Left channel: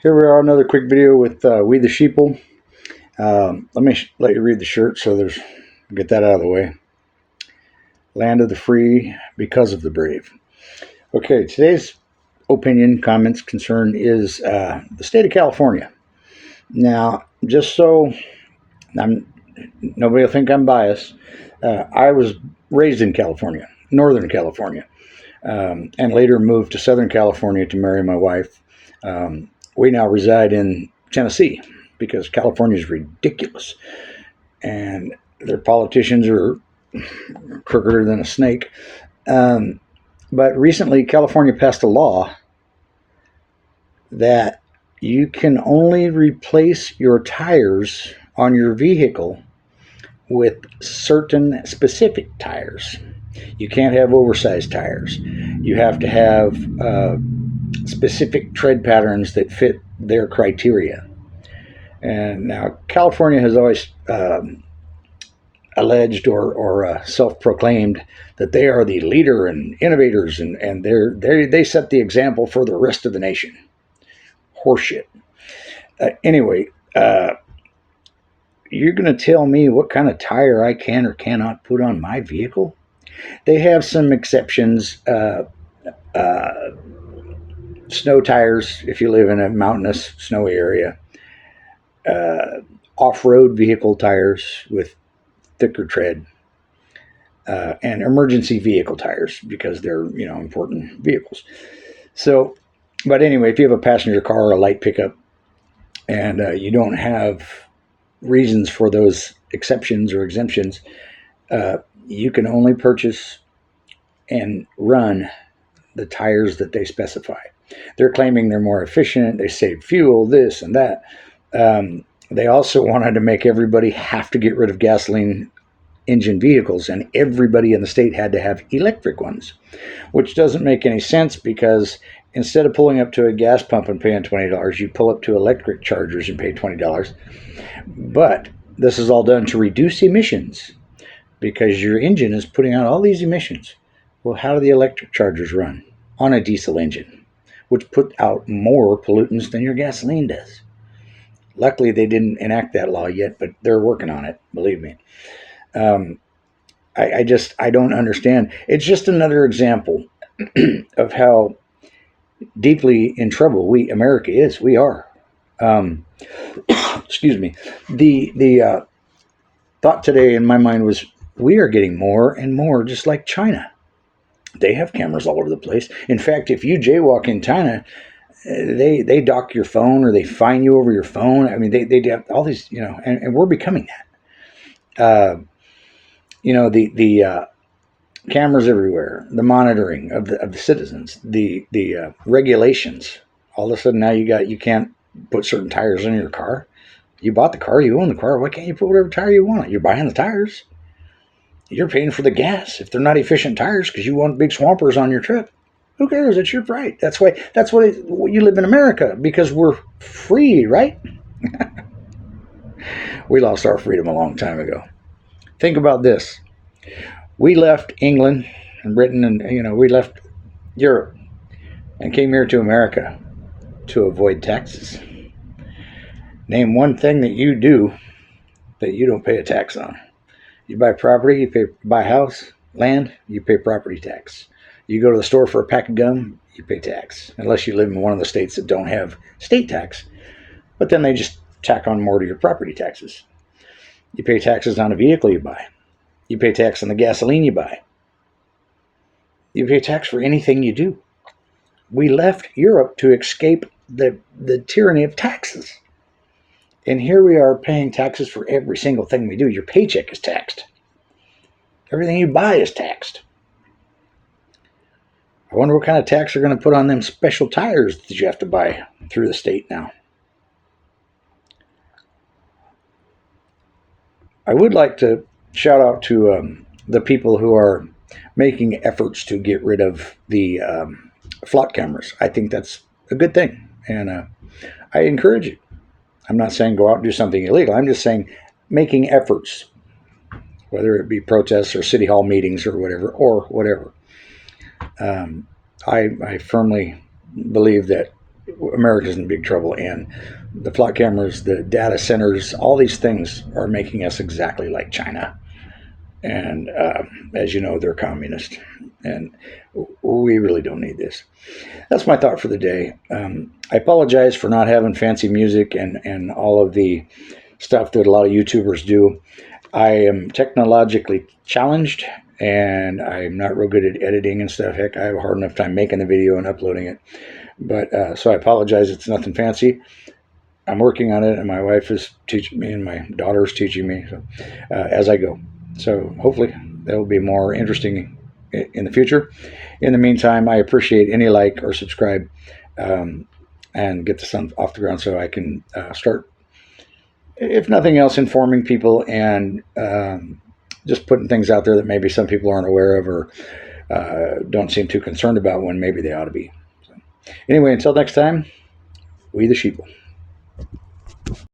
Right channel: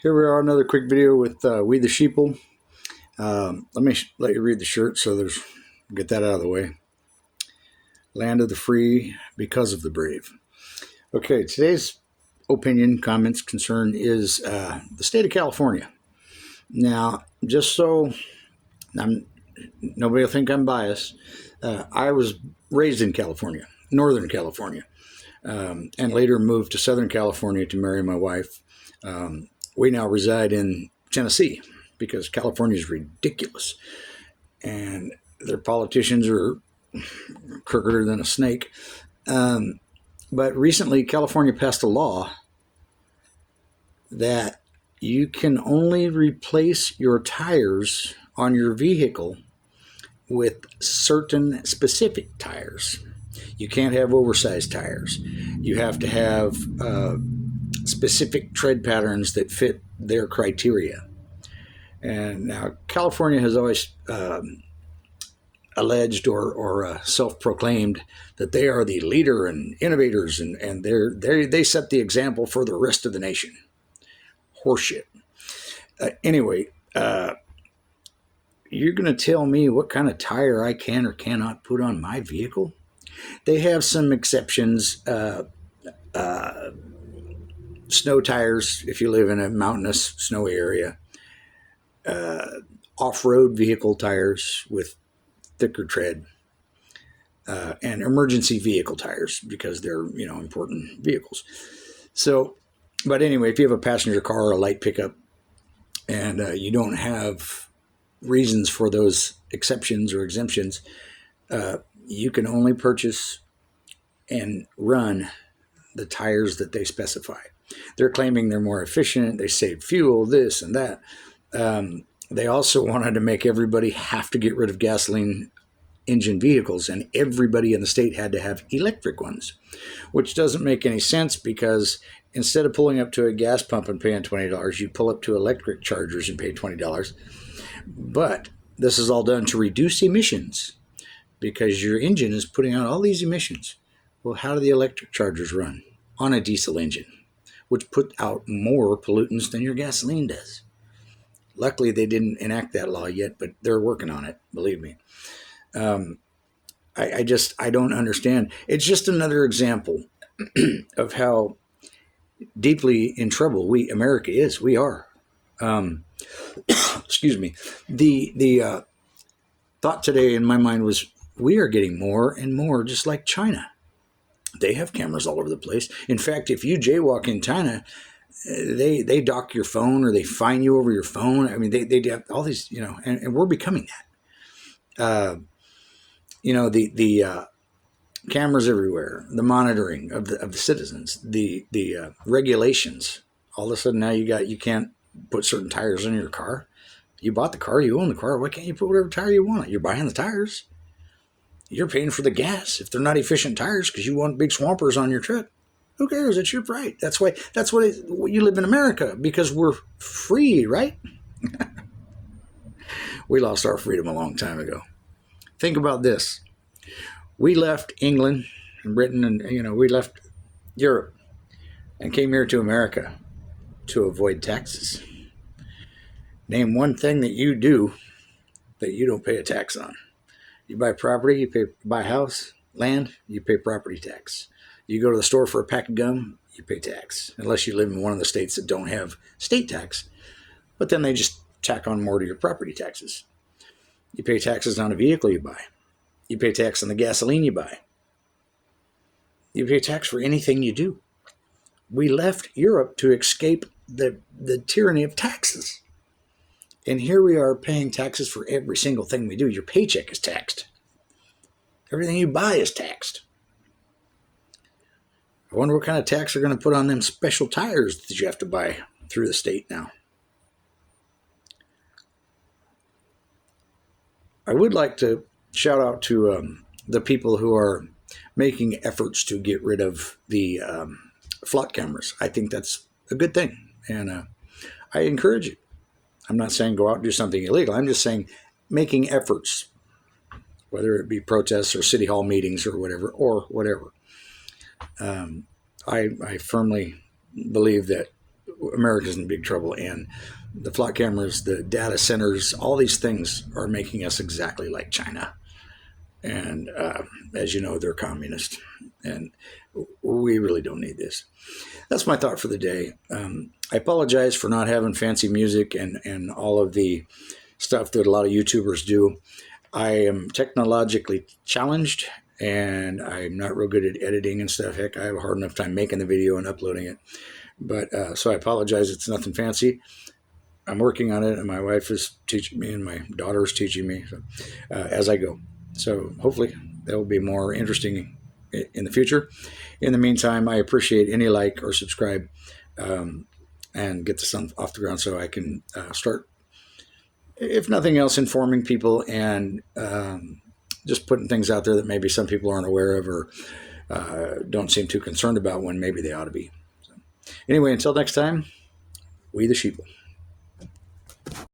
Here we are, another quick video with We the Sheeple. Let me let you read the shirt so get that out of the way. Land of the free because of the brave. Okay, today's opinion, comments, concern is the state of California. Now, just so nobody will think I'm biased, I was raised in California, Northern California, and later moved to Southern California to marry my wife. We now reside in Tennessee because California is ridiculous, and their politicians are crookeder than a snake. But recently, California passed a law that you can only replace your tires on your vehicle with certain specific tires. You can't have oversized tires. You have to have specific tread patterns that fit their criteria. And now California has always alleged or self-proclaimed that they are the leader and innovators, and they set the example for the rest of the nation. Horseshit. Anyway, you're going to tell me what kind of tire I can or cannot put on my vehicle? They have some exceptions. Snow tires, if you live in a mountainous, snowy area. Off-road vehicle tires with thicker tread. And emergency vehicle tires because they're, important vehicles. So, but anyway, if you have a passenger car or a light pickup and you don't have reasons for those exceptions or exemptions, you can only purchase and run the tires that they specify. They're claiming they're more efficient, they save fuel, this and that. They also wanted to make everybody have to get rid of gasoline engine vehicles, and everybody in the state had to have electric ones, which doesn't make any sense because instead of pulling up to a gas pump and paying $20, you pull up to electric chargers and pay $20. But this is all done to reduce emissions because your engine is putting out all these emissions. Well, how do the electric chargers run? On a diesel engine, which put out more pollutants than your gasoline does. Luckily, they didn't enact that law yet, but they're working on it, believe me. I don't understand. It's just another example of how deeply in trouble America is. We are. Excuse me. The thought today in my mind was we are getting more and more just like China. They have cameras all over the place. In fact, if you jaywalk in China, they dock your phone or they fine you over your phone. I mean, they have all these, and we're becoming that. The cameras everywhere, the monitoring of the citizens, the regulations. All of a sudden now you can't put certain tires in your car. You bought the car, you own the car. Why can't you put whatever tire you want? You're buying the tires. You're paying for the gas if they're not efficient tires because you want big swampers on your truck. Who cares? It's your right. That's why you live in America, because we're free, right? We lost our freedom a long time ago. Think about this. We left England and Britain and, we left Europe and came here to America to avoid taxes. Name one thing that you do that you don't pay a tax on. You buy property, you buy a house, land, you pay property tax. You go to the store for a pack of gum, you pay tax, unless you live in one of the states that don't have state tax. But then they just tack on more to your property taxes. You pay taxes on a vehicle you buy. You pay tax on the gasoline you buy. You pay tax for anything you do. We left Europe to escape the tyranny of taxes. And here we are paying taxes for every single thing we do. Your paycheck is taxed. Everything you buy is taxed. I wonder what kind of tax they're going to put on them special tires that you have to buy through the state now. I would like to shout out to the people who are making efforts to get rid of the flock cameras. I think that's a good thing, and I encourage it. I'm not saying go out and do something illegal. I'm just saying making efforts, whether it be protests or city hall meetings or whatever. I firmly believe that America's in big trouble, and the flock cameras, the data centers, all these things are making us exactly like China. And as you know, they're communist, and we really don't need this. That's my thought for the day. I apologize for not having fancy music and all of the stuff that a lot of YouTubers do. I am technologically challenged, and I'm not real good at editing and stuff. Heck, I have a hard enough time making the video and uploading it. But so I apologize. It's nothing fancy. I'm working on it, and my wife is teaching me, and my daughter is teaching me as I go. So hopefully that will be more interesting in the future. In the meantime, I appreciate any like or subscribe and get this off the ground so I can start, if nothing else, informing people and just putting things out there that maybe some people aren't aware of or don't seem too concerned about when maybe they ought to be. So, anyway, until next time, we the sheeple.